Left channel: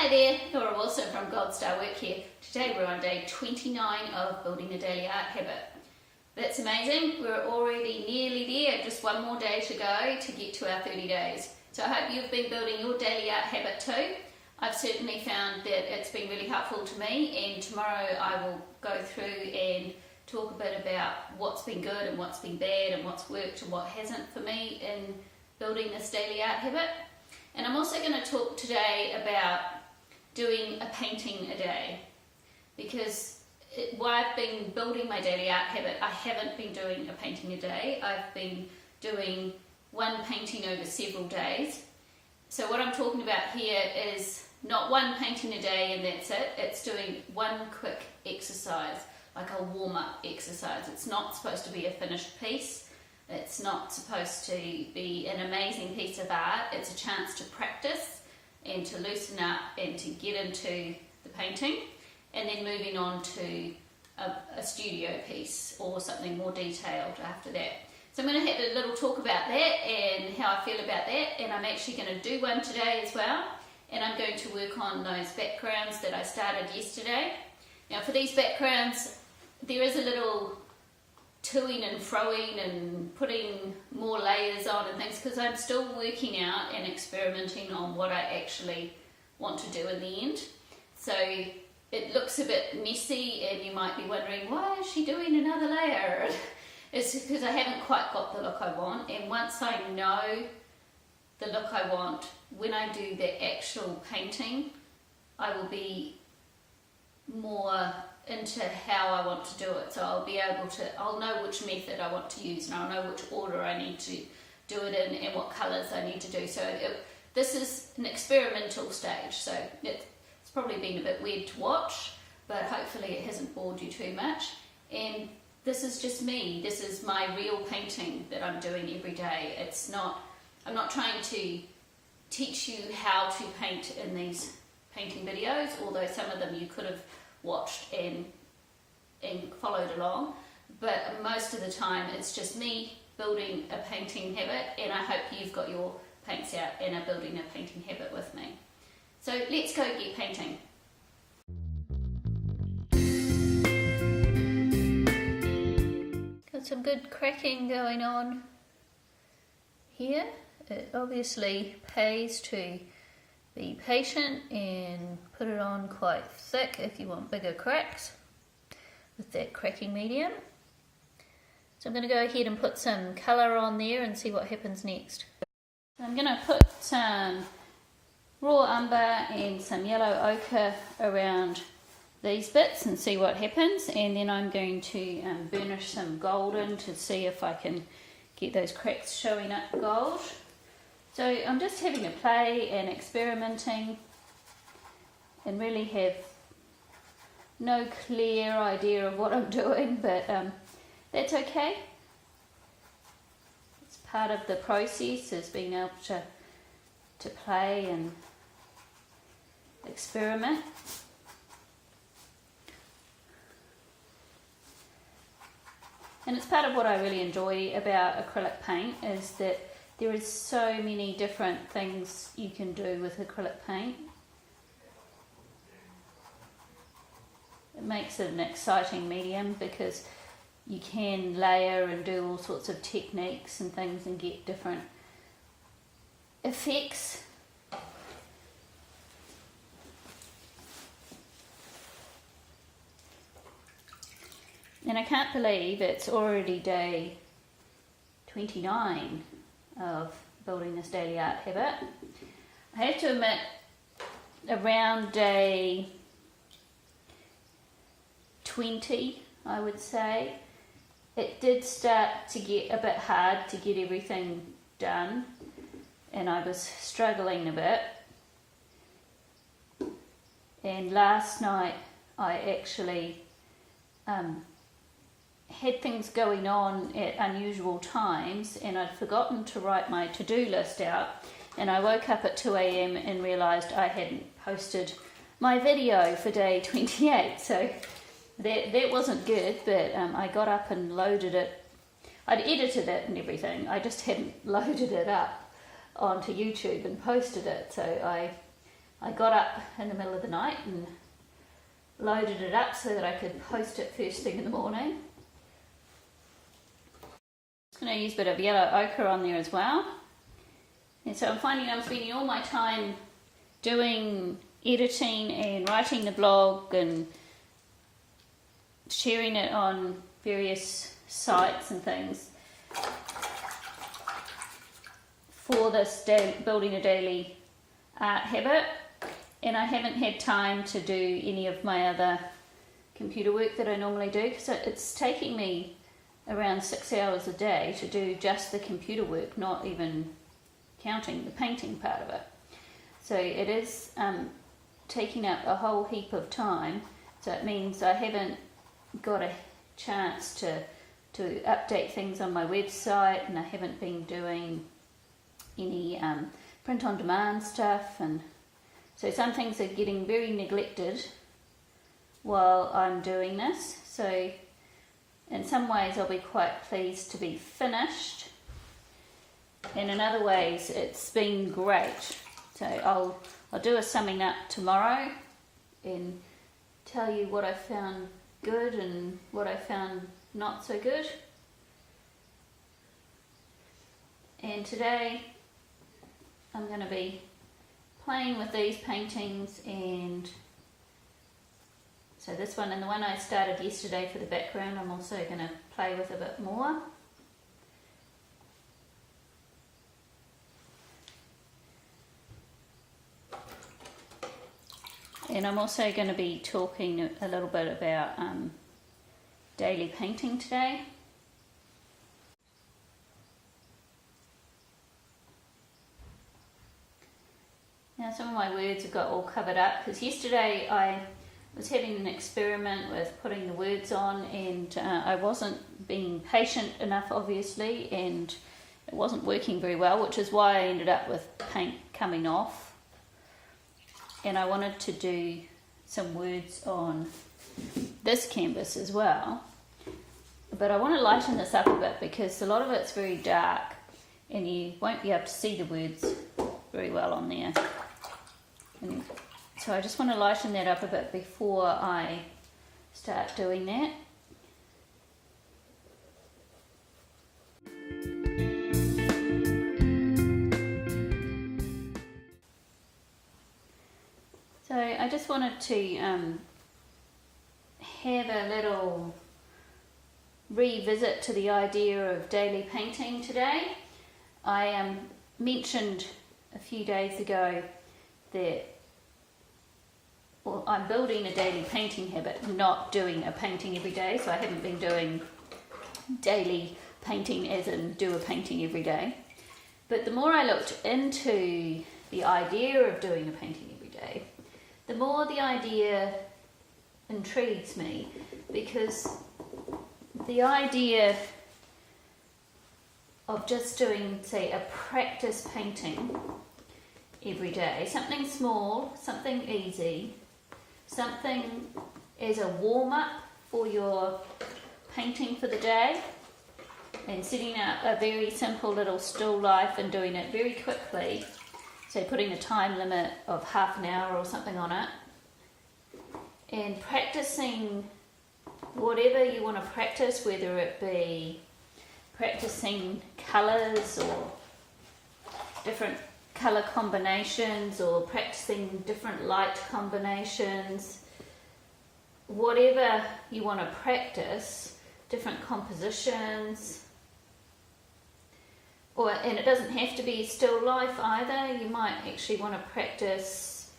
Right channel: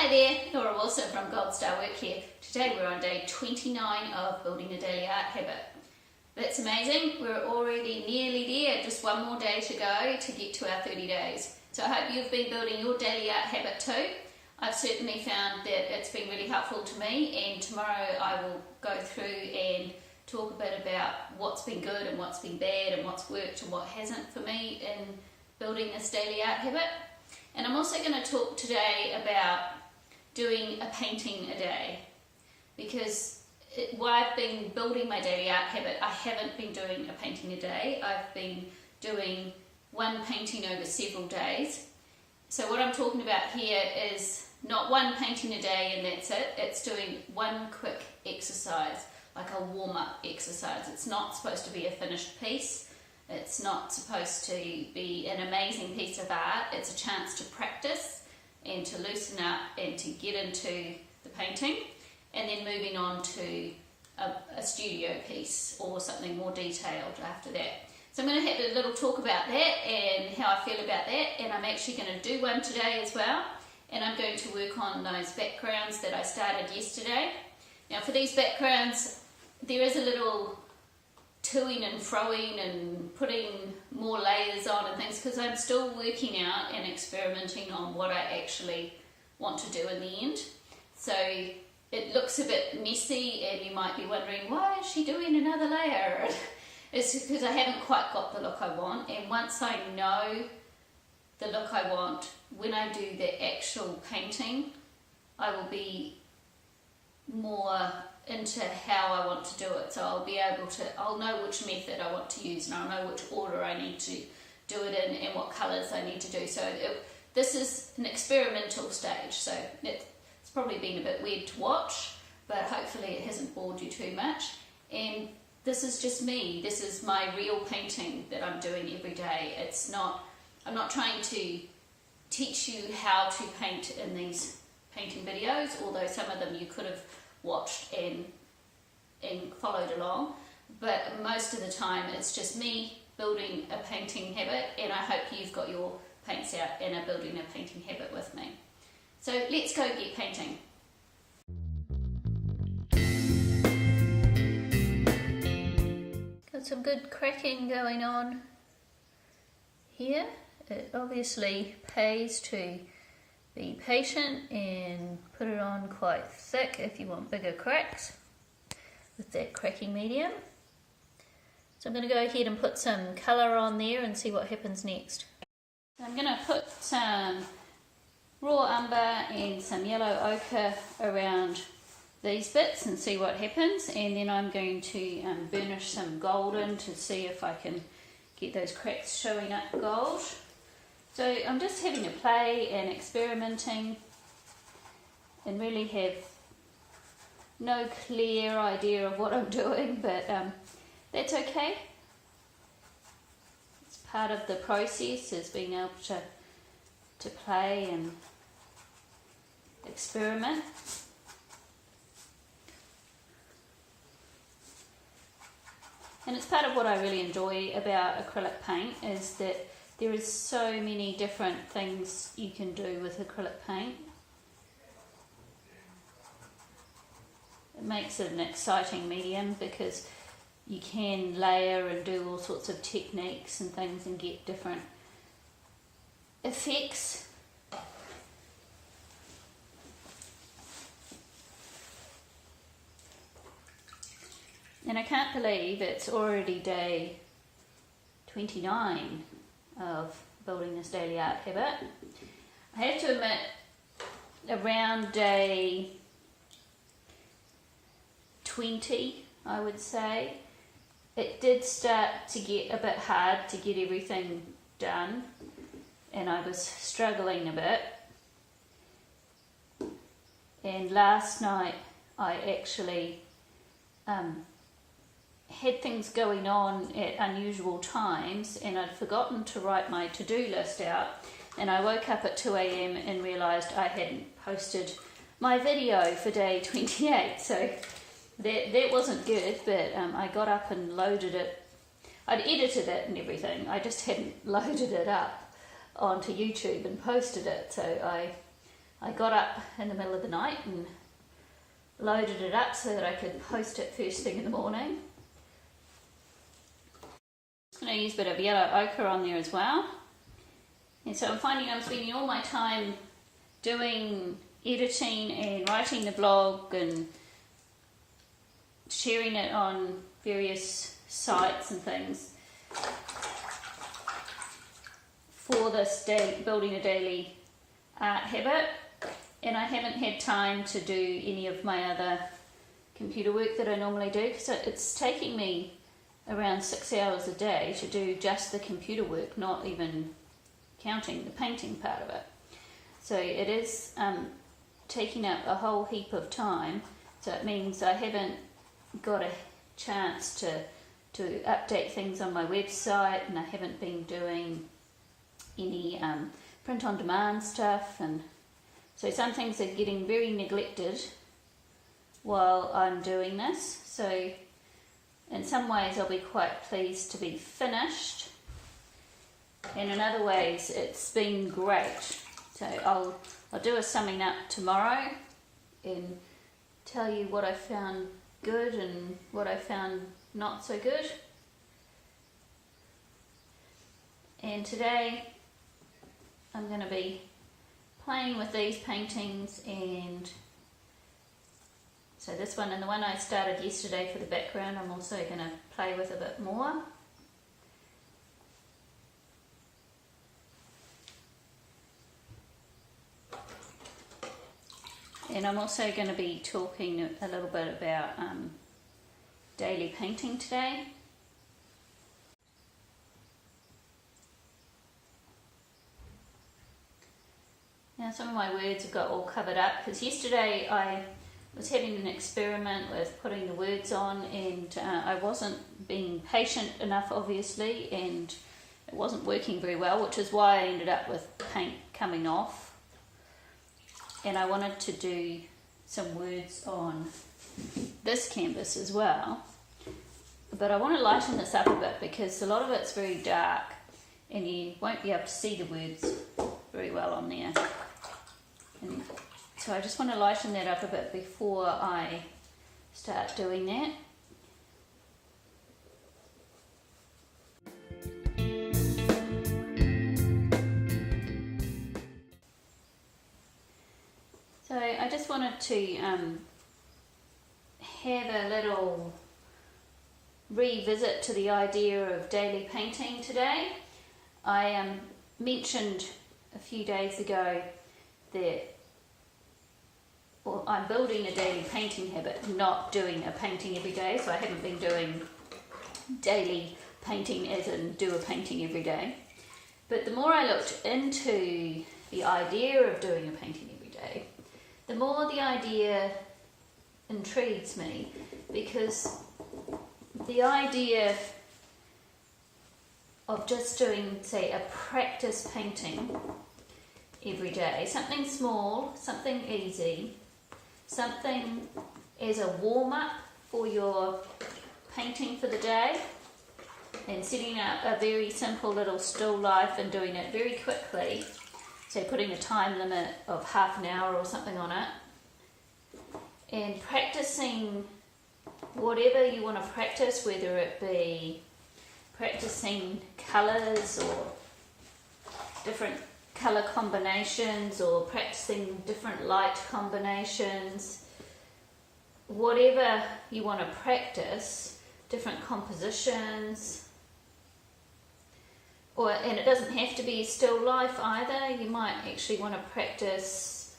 Hi there, Laura Wilson from Gold Star Work here. Today we're on day 29 of building a daily art habit. That's amazing, we're already nearly there, just one more day to go to get to our 30 days. So I hope you've been building your daily art habit too. I've certainly found that it's been really helpful to me, and tomorrow I will go through and talk a bit about what's been good and what's been bad and what's worked and what hasn't for me in building this daily art habit. And I'm also going to talk today about doing a painting a day, because while I've been building my daily art habit, I haven't been doing a painting a day. I've been doing one painting over several days. So what I'm talking about here is not one painting a day and that's it. It's doing one quick exercise, like a warm-up exercise. It's not supposed to be a finished piece. It's not supposed to be an amazing piece of art. It's a chance to practice and to loosen up and to get into the painting, and then moving on to a studio piece or something more detailed after that. So I'm going to have a little talk about that and how I feel about that, and I'm actually going to do one today as well, and I'm going to work on those backgrounds that I started yesterday. Now for these backgrounds there is a little toing and froing and putting more layers on and things, because I'm still working out and experimenting on what I actually want to do in the end. So it looks a bit messy and you might be wondering, why is she doing another layer? It's because I haven't quite got the look I want, and once I know the look I want, when I do the actual painting I will be more into how I want to do it. So I'll know which method I want to use, and I'll know which order I need to do it in and what colours I need to do. So this is an experimental stage, so it's probably been a bit weird to watch, but hopefully it hasn't bored you too much. And this is just me. This is my real painting that I'm doing every day. I'm not trying to teach you how to paint in these painting videos, although some of them you could have watched and followed along, but most of the time it's just me building a painting habit, and I hope you've got your paints out and are building a painting habit with me. So let's go get painting. Got some good cracking going on here. It obviously pays to be patient and put it on quite thick if you want bigger cracks with that cracking medium. So I'm going to go ahead and put some colour on there and see what happens next. I'm going to put some raw umber and some yellow ochre around these bits and see what happens, and then I'm going to burnish some gold in to see if I can get those cracks showing up gold. So I'm just having a play and experimenting, and really have no clear idea of what I'm doing, but that's okay. It's part of the process, is being able to play and experiment. And it's part of what I really enjoy about acrylic paint, is that there is so many different things you can do with acrylic paint. It makes it an exciting medium because you can layer and do all sorts of techniques and things and get different effects. And I can't believe it's already day 29 of building this daily art habit. I have to admit, around day 20, I would say, it did start to get a bit hard to get everything done, and I was struggling a bit. And last night I actually had things going on at unusual times, and I'd forgotten to write my to-do list out, and I woke up at 2 AM and realised I hadn't posted my video for day 28, so that wasn't good, but I got up and loaded it. I'd edited it and everything, I just hadn't loaded it up onto YouTube and posted it, so I I got up in the middle of the night and loaded it up so that I could post it first thing in the morning. I'm going to use a bit of yellow ochre on there as well. And so I'm finding I'm spending all my time doing editing and writing the blog and sharing it on various sites and things for this building a daily art habit, and I haven't had time to do any of my other computer work that I normally do, because it's taking me around 6 hours a day to do just the computer work, not even counting the painting part of it. So it is taking up a whole heap of time, so it means I haven't got a chance to update things on my website, and I haven't been doing any print on demand stuff, and so some things are getting very neglected while I'm doing this. So in some ways I'll be quite pleased to be finished, and in other ways it's been great. So I'll do a summing up tomorrow and tell you what I found good and what I found not so good. And today I'm going to be playing with these paintings, and so this one and the one I started yesterday for the background I'm also going to play with a bit more. And I'm also going to be talking a little bit about daily painting today. Now some of my words have got all covered up, because yesterday I was having an experiment with putting the words on, and I wasn't being patient enough obviously, and it wasn't working very well, which is why I ended up with paint coming off. And I wanted to do some words on this canvas as well, but I want to lighten this up a bit because a lot of it's very dark and you won't be able to see the words very well on there. And so I just want to lighten that up a bit before I start doing that. So I just wanted to have a little revisit to the idea of daily painting today. I mentioned a few days ago that I'm building a daily painting habit, not doing a painting every day, so I haven't been doing daily painting as in do a painting every day. But the more I looked into the idea of doing a painting every day, the more the idea intrigues me, because the idea of just doing, say, a practice painting every day, something small, something easy, something as a warm-up for your painting for the day, and setting out a very simple little still life and doing it very quickly, say putting a time limit of half an hour or something on it, and practicing whatever you want to practice, whether it be practicing colours or different colour combinations, or practicing different light combinations, whatever you want to practice, different compositions. And it doesn't have to be still life either. You might actually want to practice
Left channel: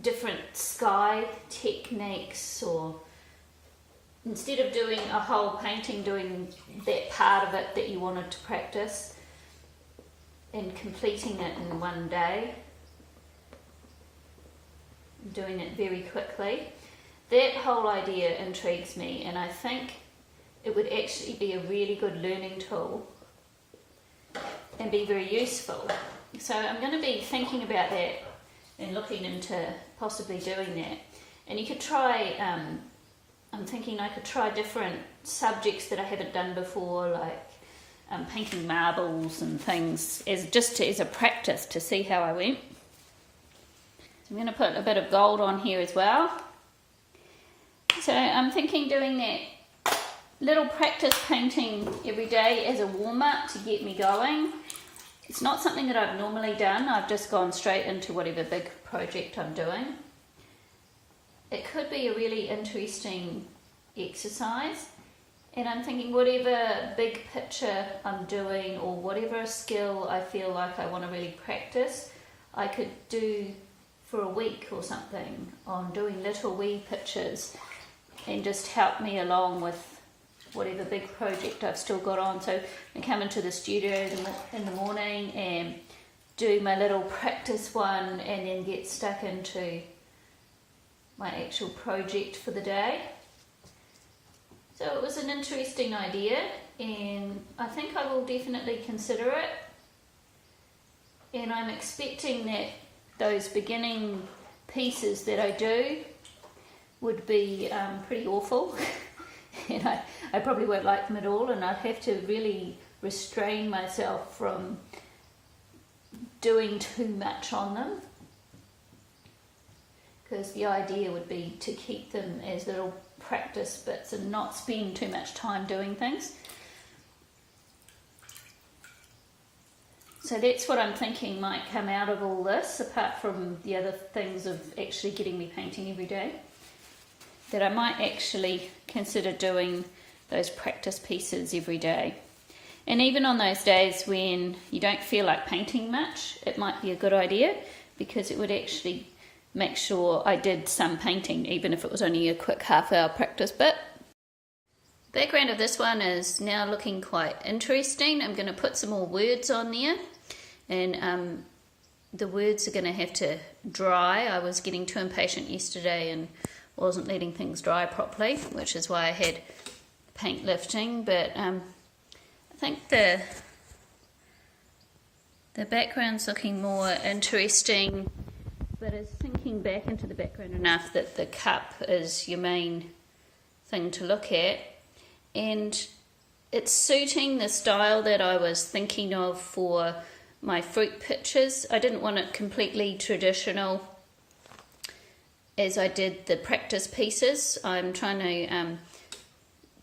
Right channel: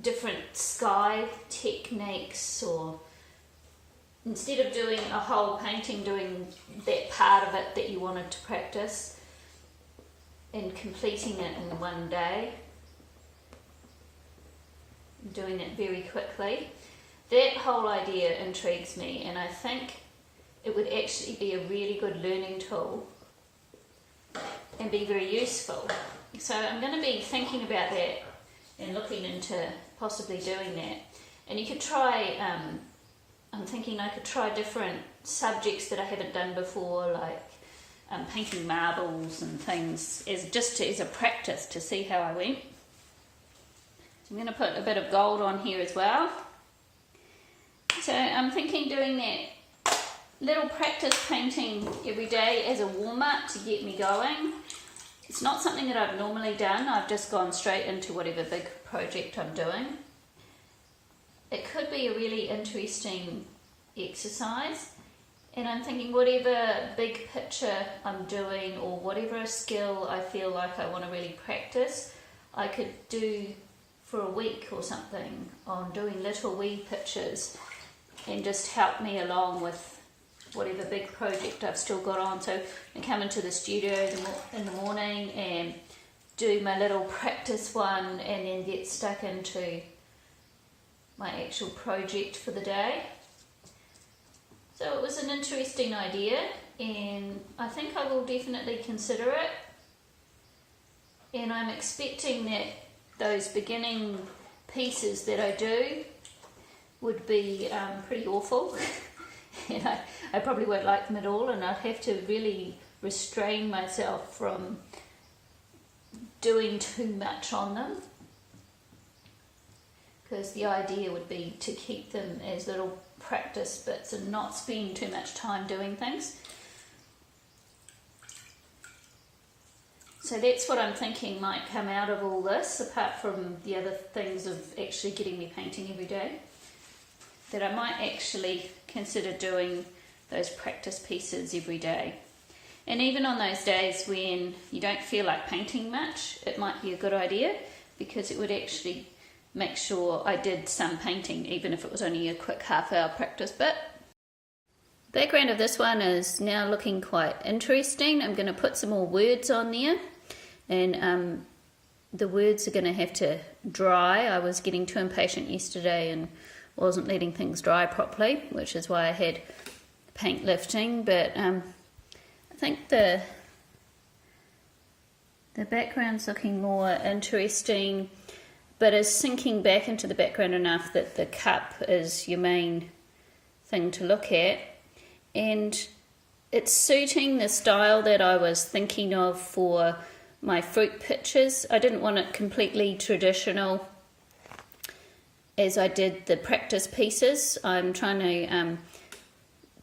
different sky techniques, or instead of doing a whole painting, doing that part of it that you wanted to practice and completing it in one day, doing it very quickly. That whole idea intrigues me, and I think it would actually be a really good learning tool and be very useful. So I'm going to be thinking about that and looking into possibly doing that. And you could try, I'm thinking I could try different subjects that I haven't done before, like painting marbles and things, as a practice to see how I went. I'm going to put a bit of gold on here as well. So I'm thinking doing that little practice painting every day as a warm-up to get me going. It's not something that I've normally done. I've just gone straight into whatever big project I'm doing. It could be a really interesting exercise, and I'm thinking whatever big picture I'm doing or whatever skill I feel like I want to really practice, I could do for a week or something on doing little wee pictures and just help me along with whatever big project I've still got on. So I come into the studio in the morning and do my little practice one and then get stuck into my actual project for the day. So it was an interesting idea, and I think I will definitely consider it. And I'm expecting that those beginning pieces that I do would be pretty awful. And I probably won't like them at all, and I'd have to really restrain myself from doing too much on them, because the idea would be to keep them as little practice bits and not spend too much time doing things. So that's what I'm thinking might come out of all this, apart from the other things of actually getting me painting every day, that I might actually consider doing those practice pieces every day. And even on those days when you don't feel like painting much, it might be a good idea, because it would actually make sure I did some painting, even if it was only a quick half-hour practice bit. The background of this one is now looking quite interesting. I'm going to put some more words on there, and the words are going to have to dry. I was getting too impatient yesterday and wasn't letting things dry properly, which is why I had paint lifting, but I think the background's looking more interesting, but is sinking back into the background enough that the cup is your main thing to look at, and it's suiting the style that I was thinking of for my fruit pictures. I didn't want it completely traditional as I did the practice pieces. I'm trying to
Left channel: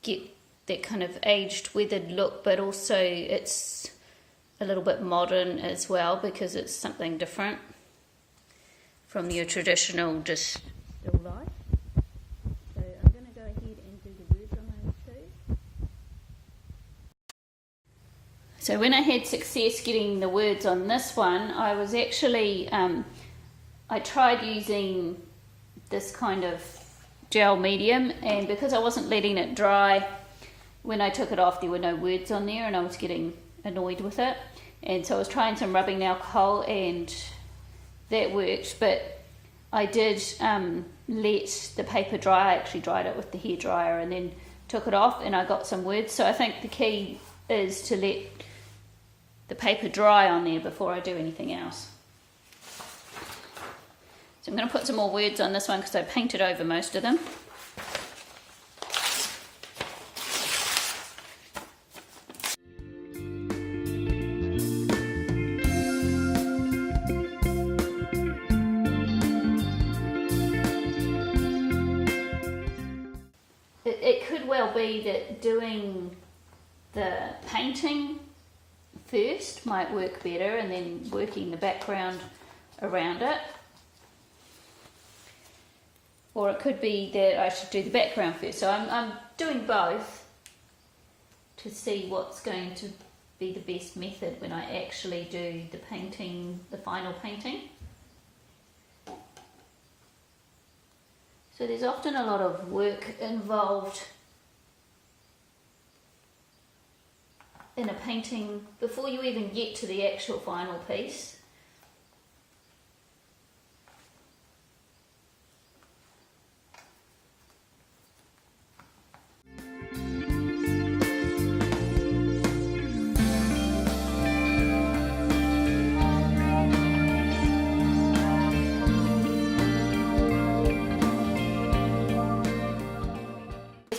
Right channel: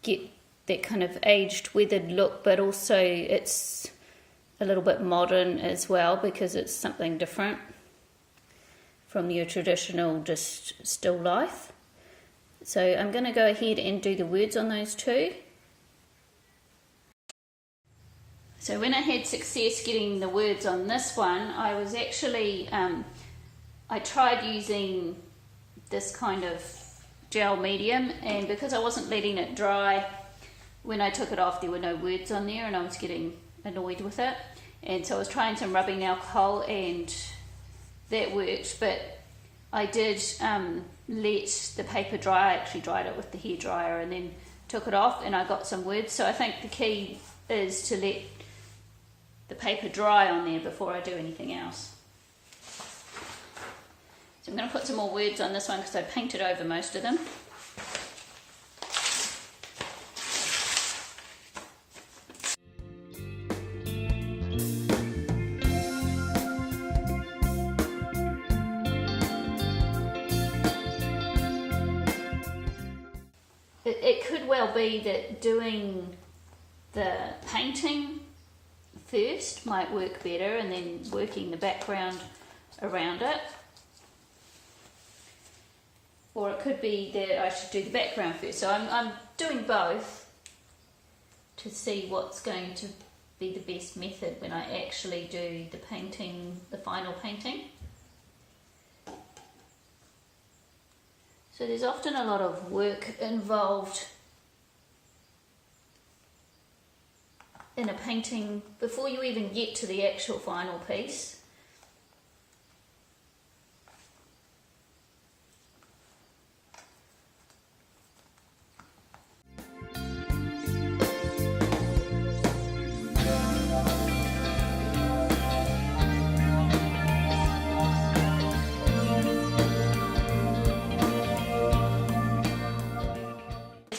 get that kind of aged, weathered look, but also it's a little bit modern as well, because it's something different from your traditional just still life. So I'm going to go ahead and do the words on those two. So when I had success getting the words on this one, I was actually, I tried using this kind of gel medium, and because I wasn't letting it dry, when I took it off there were no words on there and I was getting annoyed with it, and so I was trying some rubbing alcohol and that worked, but I did let the paper dry. I actually dried it with the hairdryer and then took it off and I got some words. So I think the key is to let the paper dry on there before I do anything else. So I'm going to put some more words on this one because I painted over most of them. It could well be that doing the painting first might work better and then working the background around it. Or it could be that I should do the background first. So I'm doing both to see what's going to be the best method when I actually do the painting, the final painting. So there's often a lot of work involved in a painting before you even get to the actual final piece.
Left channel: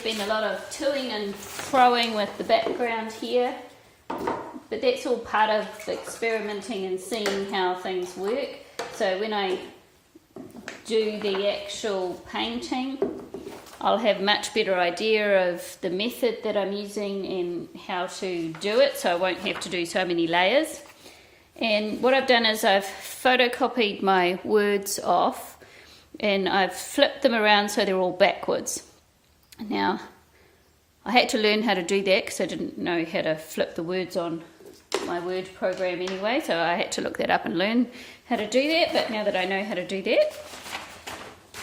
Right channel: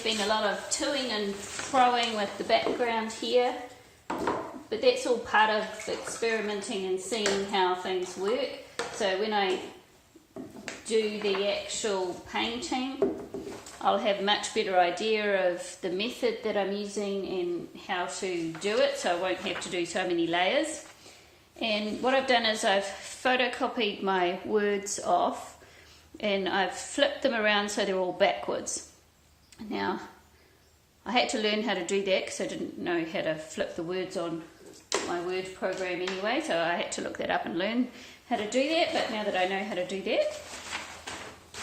Been a lot of toing and froing with the background here, but that's all part of experimenting and seeing how things work. So when I do the actual painting, I'll have a much better idea of the method that I'm using and how to do it, so I won't have to do so many layers. And what I've done is I've photocopied my words off and I've flipped them around so they're all backwards. Now, I had to learn how to do that because I didn't know how to flip the words on my word program anyway, so I had to look that up and learn how to do that. But now that I know how to do that,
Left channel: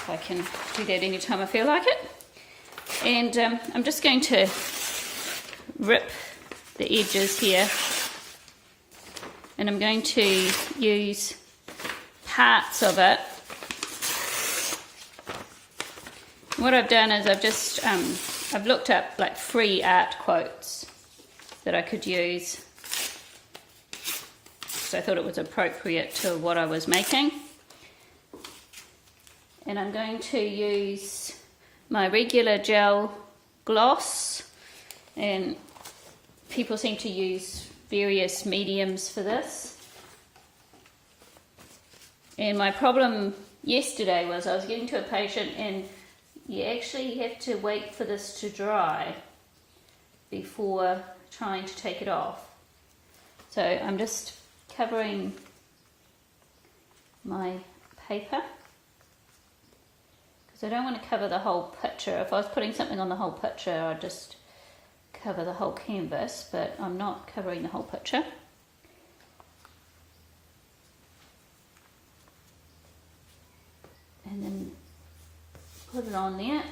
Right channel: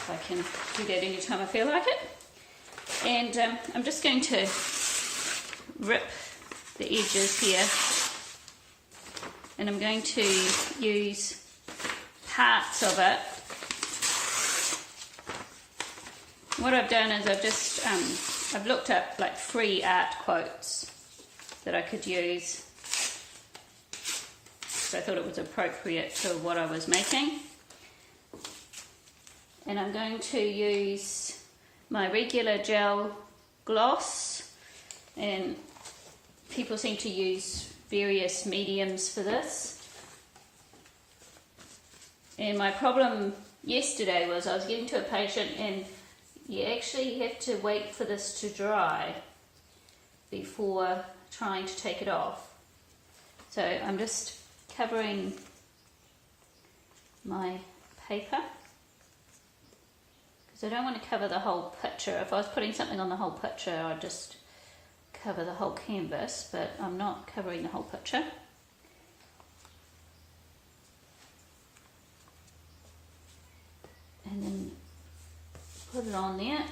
I can do that anytime I feel like it. And I'm just going to rip the edges here, and I'm going to use parts of it. What I've done is I've just I've looked up like free art quotes that I could use, so I thought it was appropriate to what I was making. And I'm going to use my regular gel gloss, and people seem to use various mediums for this. And my problem yesterday was I was getting to a patient and you actually have to wait for this to dry before trying to take it off. So I'm just covering my paper because I don't want to cover the whole picture. If I was putting something on the whole picture, I'd just cover the whole canvas, but I'm not covering the whole picture. And then put it on there.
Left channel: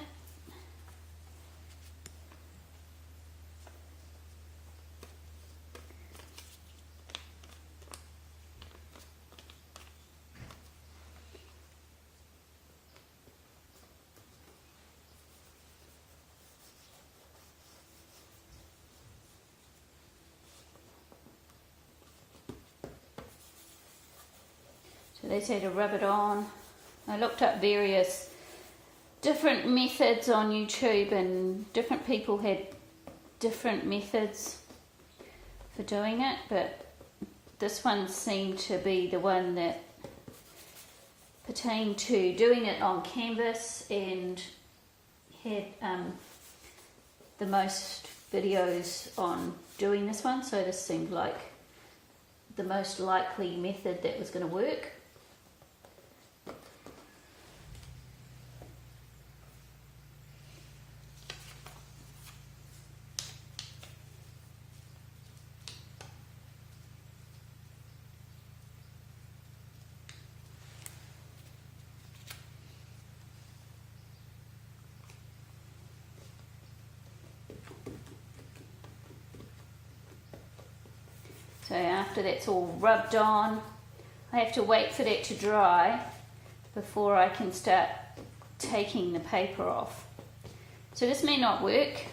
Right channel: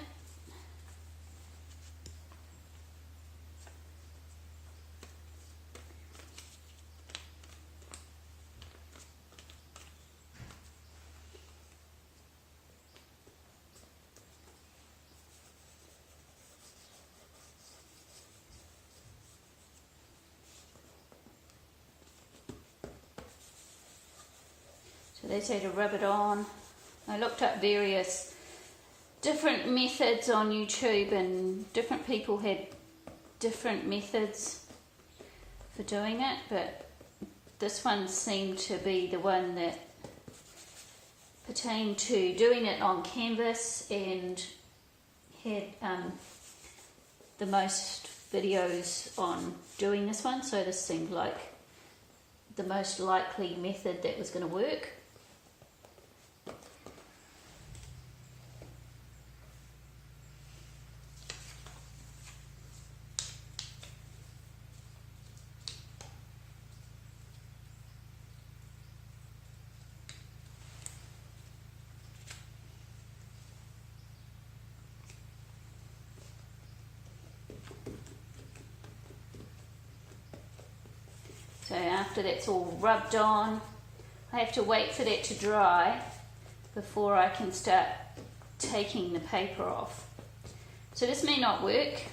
So they say to rub it on. I looked up various different methods on YouTube, and different people had different methods for doing it, but this one seemed to be the one that pertained to doing it on canvas and had the most videos on doing this one, so this seemed like the most likely method that was going to work. So after that's all rubbed on, I have to wait for that to dry before I can start taking the paper off. So this may not work,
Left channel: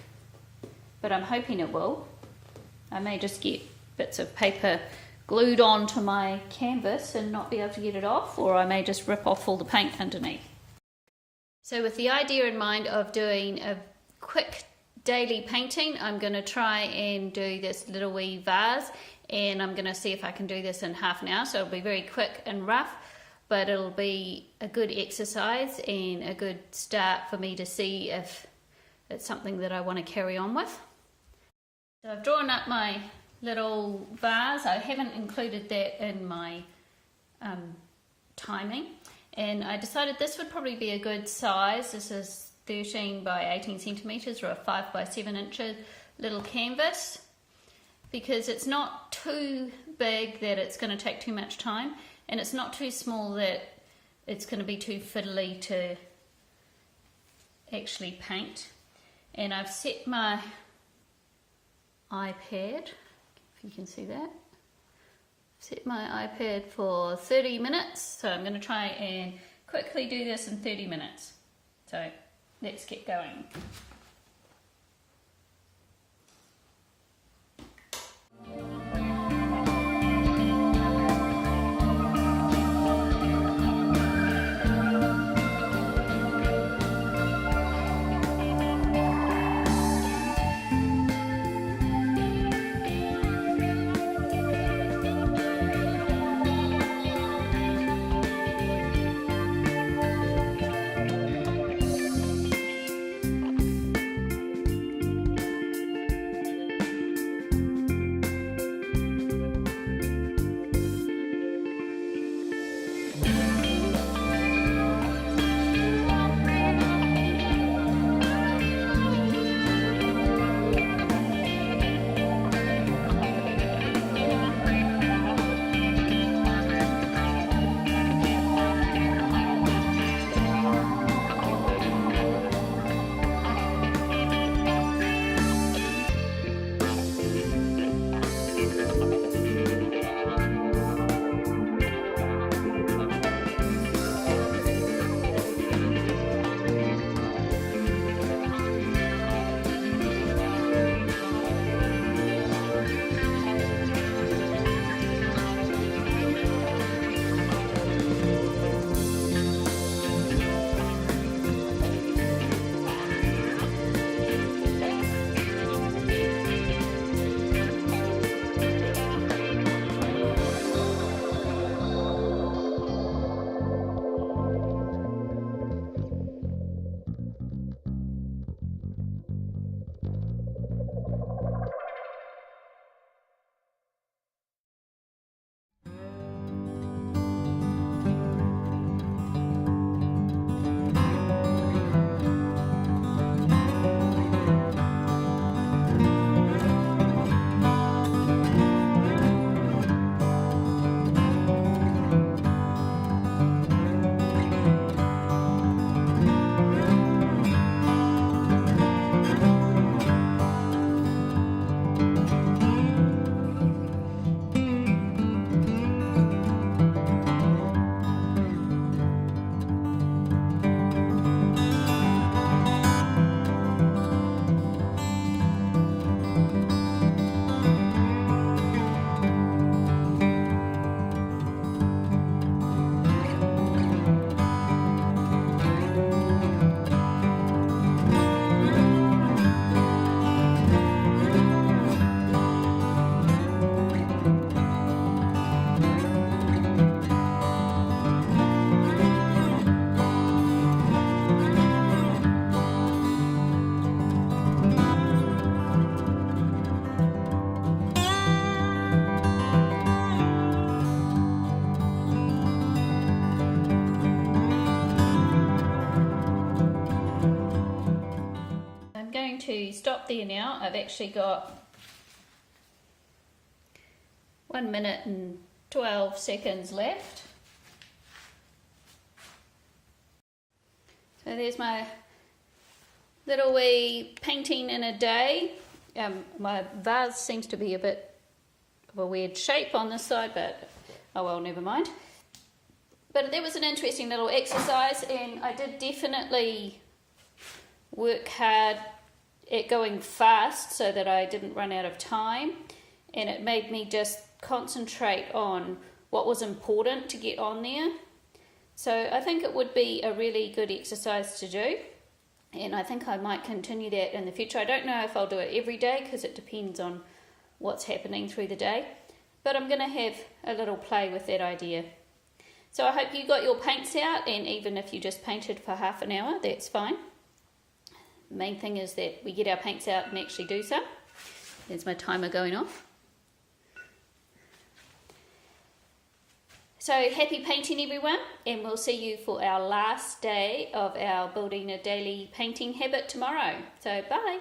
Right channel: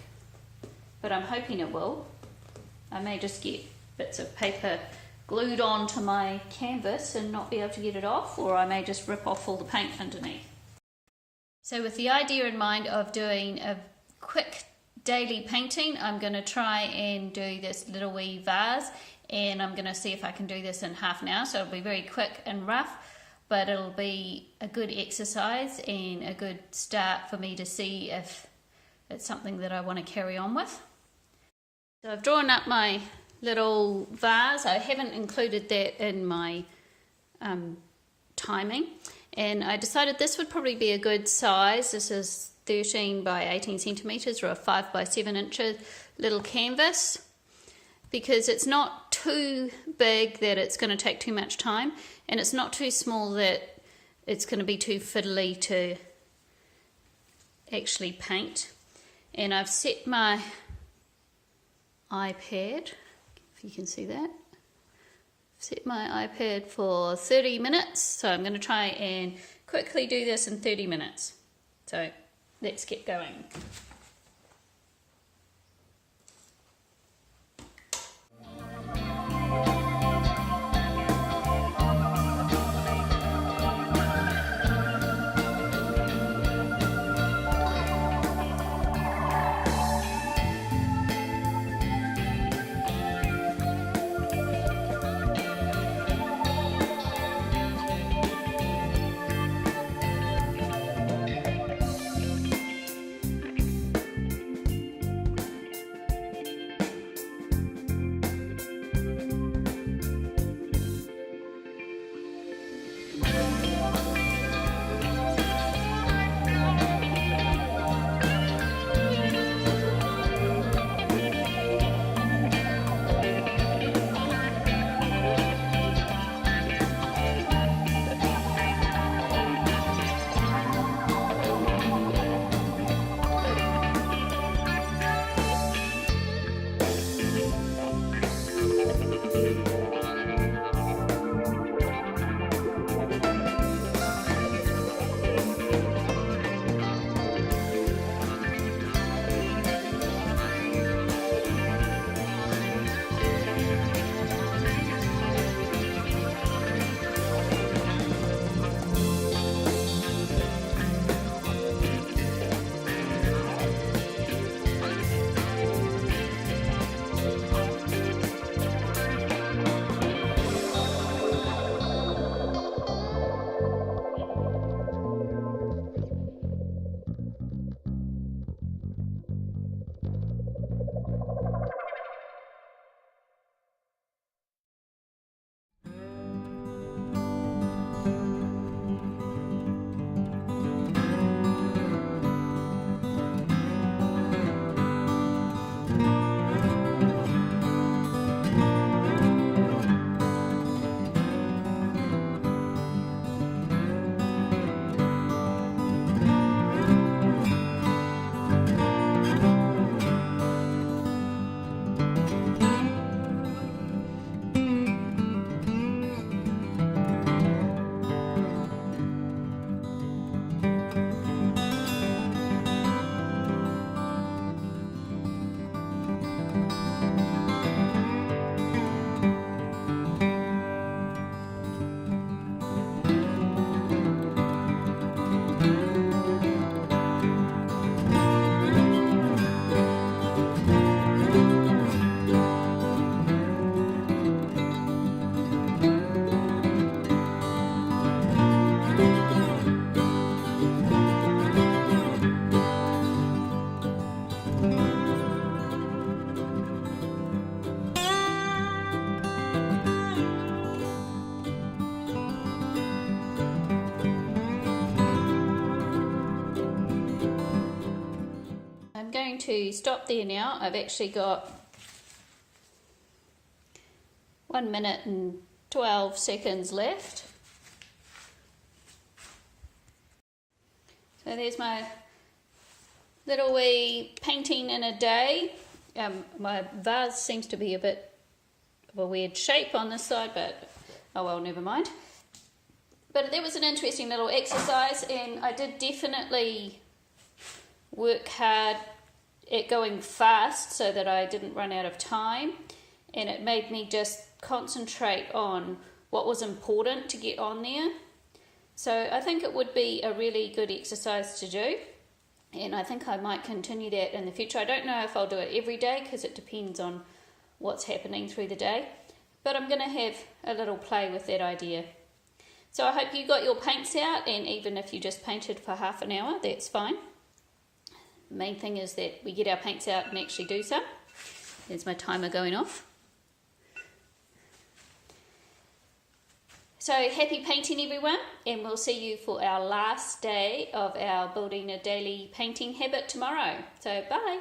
but I'm hoping it will. I may just get bits of paper glued onto my canvas and not be able to get it off, or I may just rip off all the paint underneath. So with the idea in mind of doing a quick daily painting, I'm going to try and do this little wee vase, and I'm going to see if I can do this in half an hour. So it'll be very quick and rough, but it'll be a good exercise and a good start for me to see if it's something that I want to carry on with. So I've drawn up my little vase. I haven't included that in my timing, and I decided this would probably be a good size. This is 13 by 18 centimeters, or a 5 by 7 inches little canvas, because it's not too big that it's going to take too much time, and it's not too small that it's going to be too fiddly to actually paint. And I've set my iPad, if you can see that, set my iPad for 30 minutes, so I'm going to try and quickly do this in 30 minutes. So let's get going. to stop there now. I've actually got 1 minute and 12 seconds left. So there's my little wee painting in a day. My vase seems to be a bit of a weird shape on this side, but oh well, never mind. But that was an interesting little exercise, and I did definitely work hard at going fast so that I didn't run out of time, and it made me just concentrate on what was important to get on there. So I think it would be a really good exercise to do, and I think I might continue that in the future. I don't know if I'll do it every day because it depends on what's happening through the day, but I'm going to have a little play with that idea. So I hope you got your paints out, and even if you just painted for half an hour, that's fine. The main thing is that we get our paints out and actually do some. There's my timer going off. So happy painting, everyone, and we'll see you for our last day of our building a daily painting habit tomorrow. So bye.